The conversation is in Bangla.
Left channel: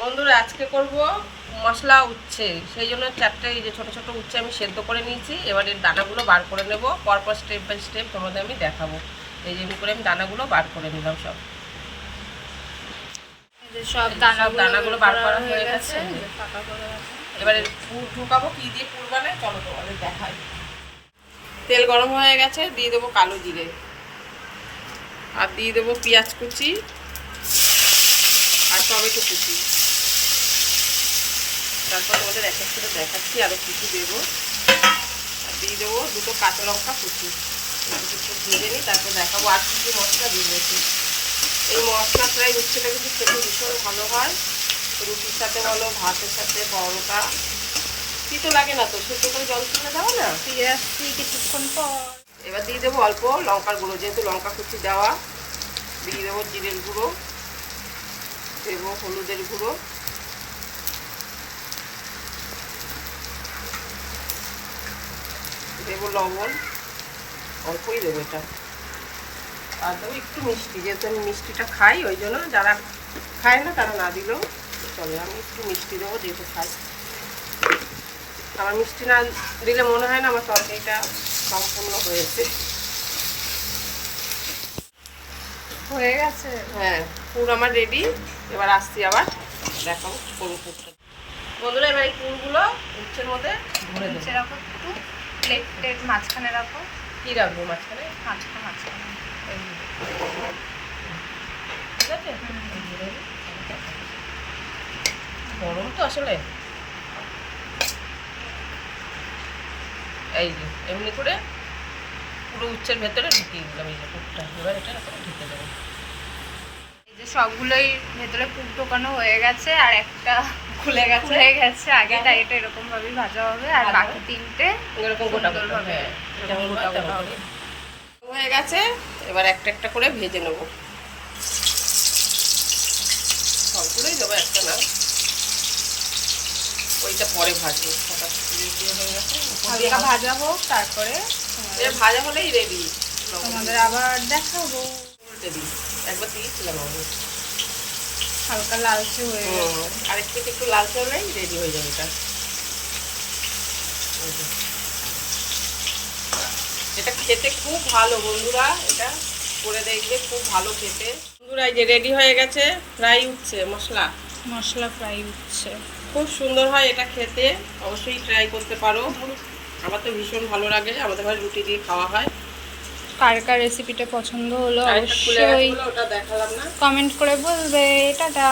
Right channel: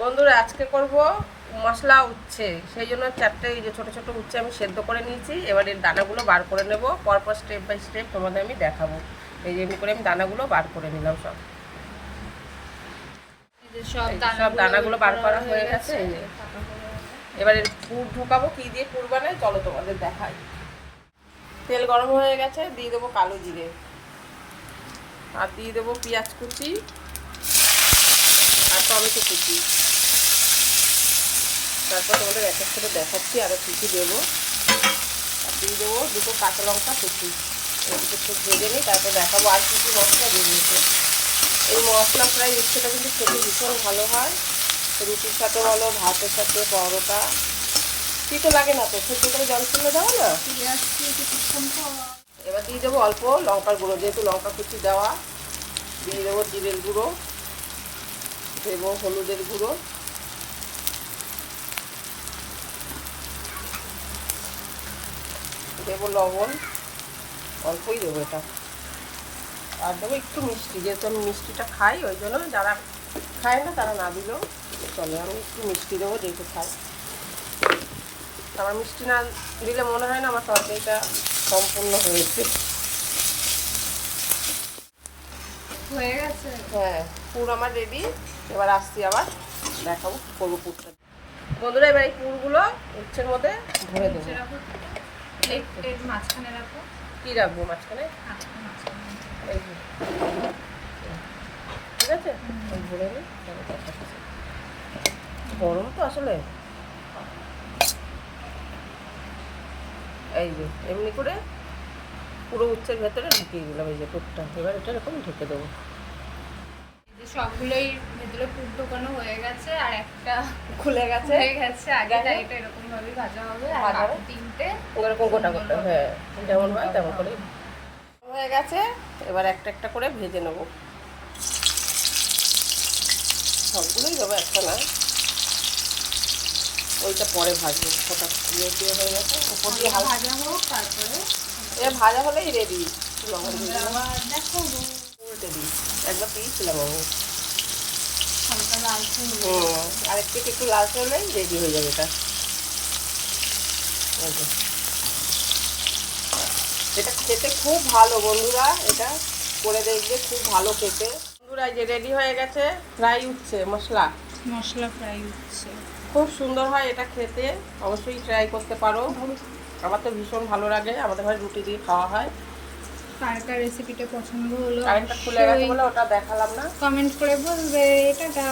বন্ধুরা আজকে করব মশলা উচ্ছে, সেই জন্য চারটে এই যে ছোটো ছোটো উচ্ছে আমি সেদ্ধ করে নিয়েছি। এবার এর দানাগুলো বার করে নেব, পরপর স্টেপ বাই স্টেপ তোমাদের আমি দেখাবো। এই যে এমনি করে আমি দানাগুলো বার করে নিলাম সব। সব দানাগুলো বার করা হয়ে গেছে। এবার এর পুর ঢোকাবো, কী দিয়ে পুর বানায় চলো তোমাদের দেখাই। তেল গরম হয়ে গেছে, দিয়ে দেবো কালো জিরে, আর দিয়ে দেবো পেঁয়াজ কুচি আর টমেটো কুচি। তারপর তোমাদের এক এক করে দেখাচ্ছি আরও কী কী দেবো। আর দিয়ে দেবো দুটো কাঁচা লঙ্কা কুচি, একটু ভেজে নিই, তারপর দেখাবো আর কী কী মশলা দিয়ে দিয়েছে। এই মশলা ফ্রাই উচ্ছেটা কিন্তু খেতে ভীষণ ভালো হয়, রুটির সাথে বলো, ভাতের সাথে, পরোটা। তিতো লাগে না তো, সেদ্ধ করে জল তুলে দেওয়া না। ফিরে আসছি কিছুক্ষণ পর। এবার দিয়ে দেবো অল্প লঙ্কার গুঁড়ো, যেহেতু লঙ্কা কুচি দেওয়া। দিয়ে দেবো জিরের গুঁড়ো, দেবো হলুদের গুঁড়ো, দেবো লবণ, অল্পই দেবো এটা। আর দেবো একটু মিষ্টি, যেহেতু আমি মিষ্টিটা খাই, ওই জন্য যারা খায় না তারা না দিলেও চলে। আমি একটু মিষ্টি দেবো যেহেতু খাই। আমার মিষ্টি না দিলে মনে হয় না আমার তরকারিটা সম্পূর্ণ হয়েছে। হয়ে গেছে। হ্যাঁ, পুর আমার রেডি। এবার আসছি আবার দেখাবো পুরো পুরটা। বন্ধুরা এবার এই পুরগুলো উচ্ছের মধ্যে ভরে দেবো। রাখো একটু, প্লেটের মাঝখানে রাখো। কী রাখবো মাঝখানে? মাঝখানে এই যে। ঠিক আছে, এই ভরে নিই। গরম তো আসলে। এই যে এমনি করে পুরো উচ্ছের ভেতরে ঢুকিয়ে দিলাম এই যে পুরটা। এবার এটা এরকম ঢেকে দেবো। এই যে সবগুলোই ভেতরে পুর ঢোকানো হয়ে গেছে, আর একটা খুলে গেছে। হয়ে গেছে আগে, তাই এটা এরকম ভাবেই ভাজা হবে। আর বাকি তিনটে এরকম গোটা গোটা, সুন্দরভাবে হ্যাঁ যেমন হয় তেমন গোটা করে হয়ে গেছে। এবার একটা একটা করে ভেজে নেবো। সবগুলোই দেবো, একটা না, ওইটা পরে ভাজবো। সেটা হয়ে গেছে, হালকা ভাজা হোক, তারপরে ভাজা হলেই রেডি। আমাদের আবার দেখাবো। উল্টে দিই, একবার দিয়েছিলাম আমি। হালকা লালচে হয়ে গেছে। আরেকটু একটু লালচে হলেই রেডি হয়ে যাবে এটা। এটা খেতে খুব ভালো বন্ধুরা, এটা করে দেখবে, খুব ভালো খেতে। বন্ধুরা এই যে রেডি হয়ে গেছে ফ্রাই উচ্ছে মশলা ফ্রাই উচ্ছে। খুব সুন্দর হয় এটা খেতে, অবশ্যই ট্রাই করতে পারো। আমার তো ভীষণ ভালো লাগে, আমাদের ঘরে রুটি দিয়ে খাওয়া হয়। কার কার রেসিপিটা পছন্দ হলো অবশ্যই অবশ্যই ওটা দেখালাম না, কমেন্ট করে বলবে। টাটা।